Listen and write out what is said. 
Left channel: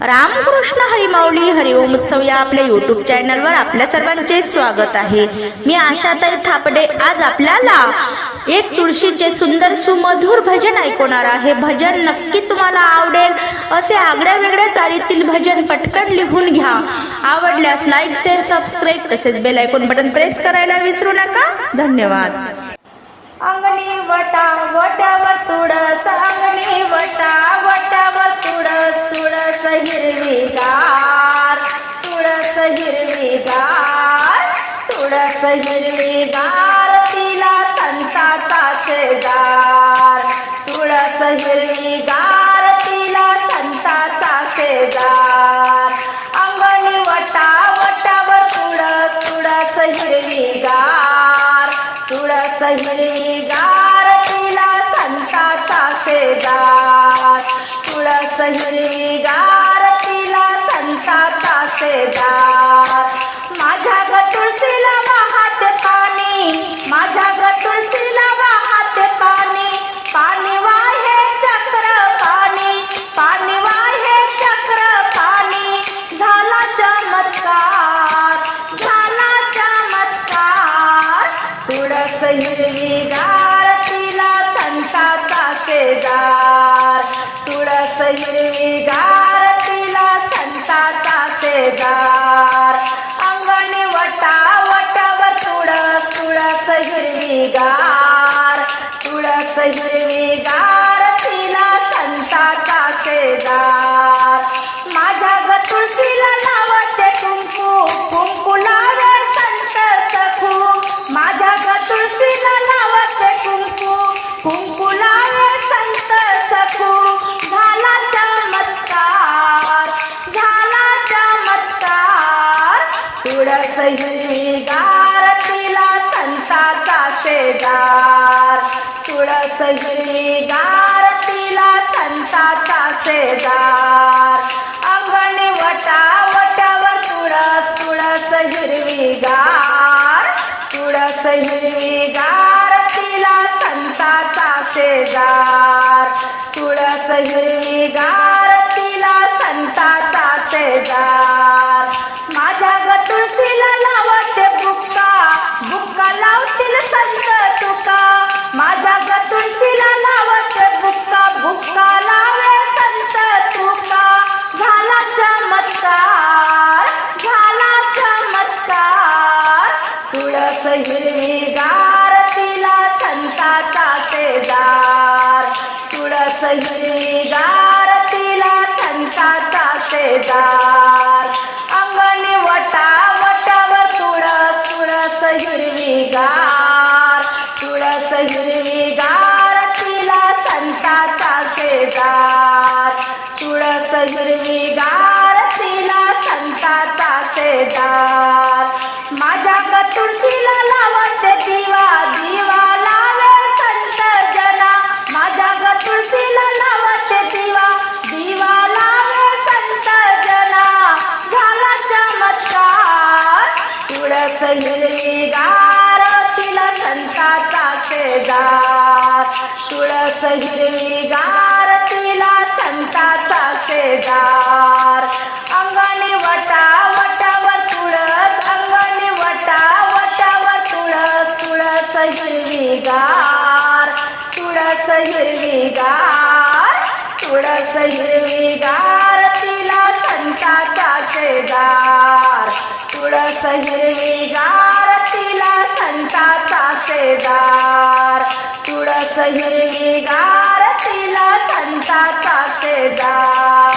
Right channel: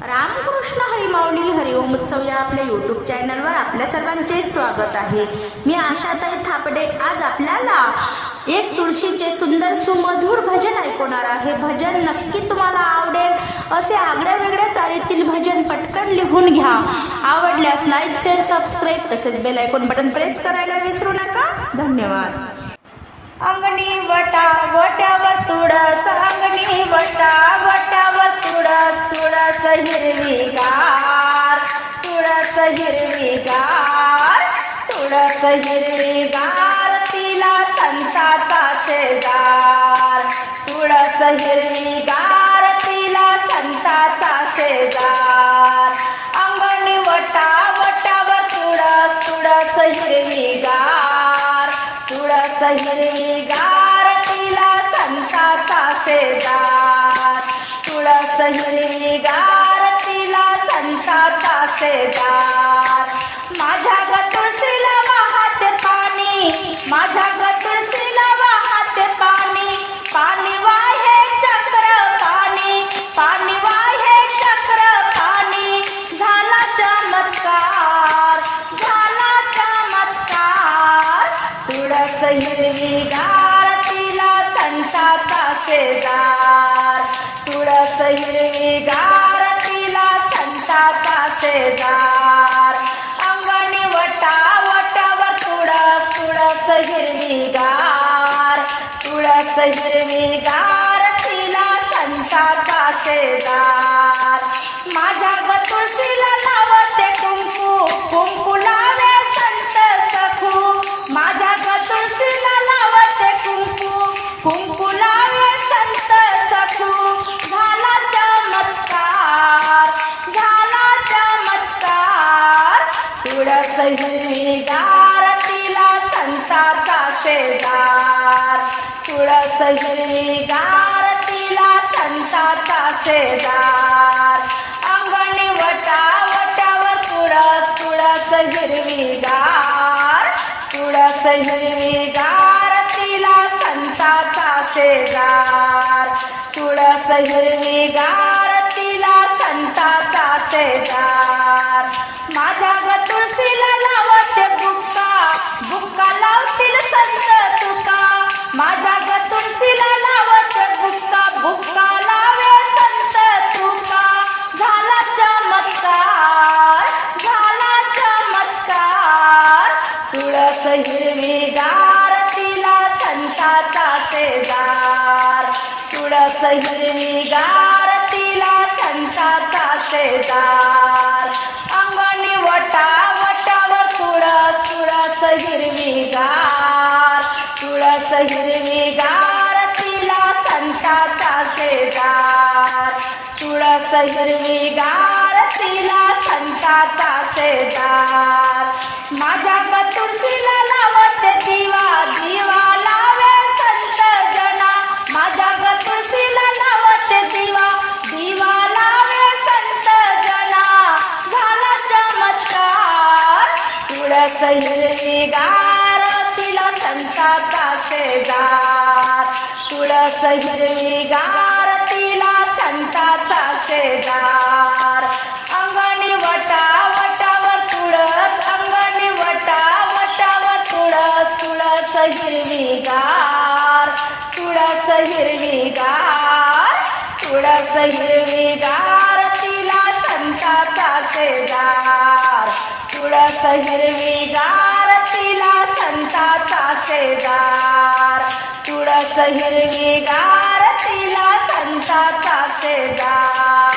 रामकृष्ण हरिमाऊली हरिओम उत्सव या आपल्या यूट्यूब चॅनलवर आपल्या सर्वांचे स्वागत आहे. मी आशाताई थापडे आज आपल्याला एक तुळशीचे सुंदर सुमधुर भजन ऐकवणार आहे. भजन नक्की तुम्हाला आवडेल. असे आगळ्या वेगळ्या चालीतील भजन पटकन लिहून घ्या. आवडल्यास लाईक शेअर सबस्क्राईब तसेच बेल ऐकून बटन प्रेस करायला विसरू नका. धन्यवाद. अंगणी वटा वट्यावर तुळस अंगणी वटा हिरवीगार तुळस हिरवीगार तुळस हिरवीगार तिला संताचा शेजार. तुळस हिरवीगार तिला संताचा शेजार. अंगणी वटा वटावर तुळस तुळस हिरवीगार तुळस हिरवीगार तिला संताचा शेजार. तुळस हिरवीगार संताचा माझ्या ग तुळशीला वाहते पाणी. माझ्या ग तुळशीला वाहते पाणी. पाणी वाहे चक्र पाणी. पाणी वाहे चक्र पाणी. झाला चमत्कार. झाला चमत्कार. तुळस हिरवीगार तिला संताचा शेजार तुळस हिरवी गार संताचा शेजार. अंगणी वटा वटावर तुळस तुळस हिरवीगार तुळस हिरवीगार तिला संताचा शेजार. माझ्या ग तुळशीला लावते तुळस हिरवीगार तिला संताचा शेजार. तुळस हिरवीगार तिला संताचा शेजार अंगणी वटा वटावर तुळस तुळस हिरवीगार तुळस हिरवीगार तिला संताचा शेजार तुळस हिरवीगार तिला संताचा शेजार. तुळशीला लावते बुक्का बुक्का लावे संत तुका. झाला चमत्कार झाला चमत्कार तुळस हिरवीगार तिला संताचा शेजार. तुळस हिरवीगार तिला संताचा शेजार. अंगणी वटा वटावर तुळस तुळस हिरवी तुळस हिरवीगार तिला संताचा शेजार. तुळस हिरवीगार तिला संताचा शेजार. माझ्या ग तुळशीला लावत दिवा दिवा लावे संत जना. माझ्या ग तुळशीला लावत दिवा दिवा लावे संत जना. झाला चमत्कार. तुळस हिरवी गार संताचा शेजार तुळस हिरवीगार तिला संताचा शेजार अंगणी वटा वटावर तुळस अंगणी वटा वटावर तुळस तुळस हिरवीगार तुळस हिरवीगार तुळस हिरवीगार तिला संताचा शेजार तुळस हिरवीगार तिला संताचा सासेदार तुळस हिरवीगार तिला संताचा सेदार.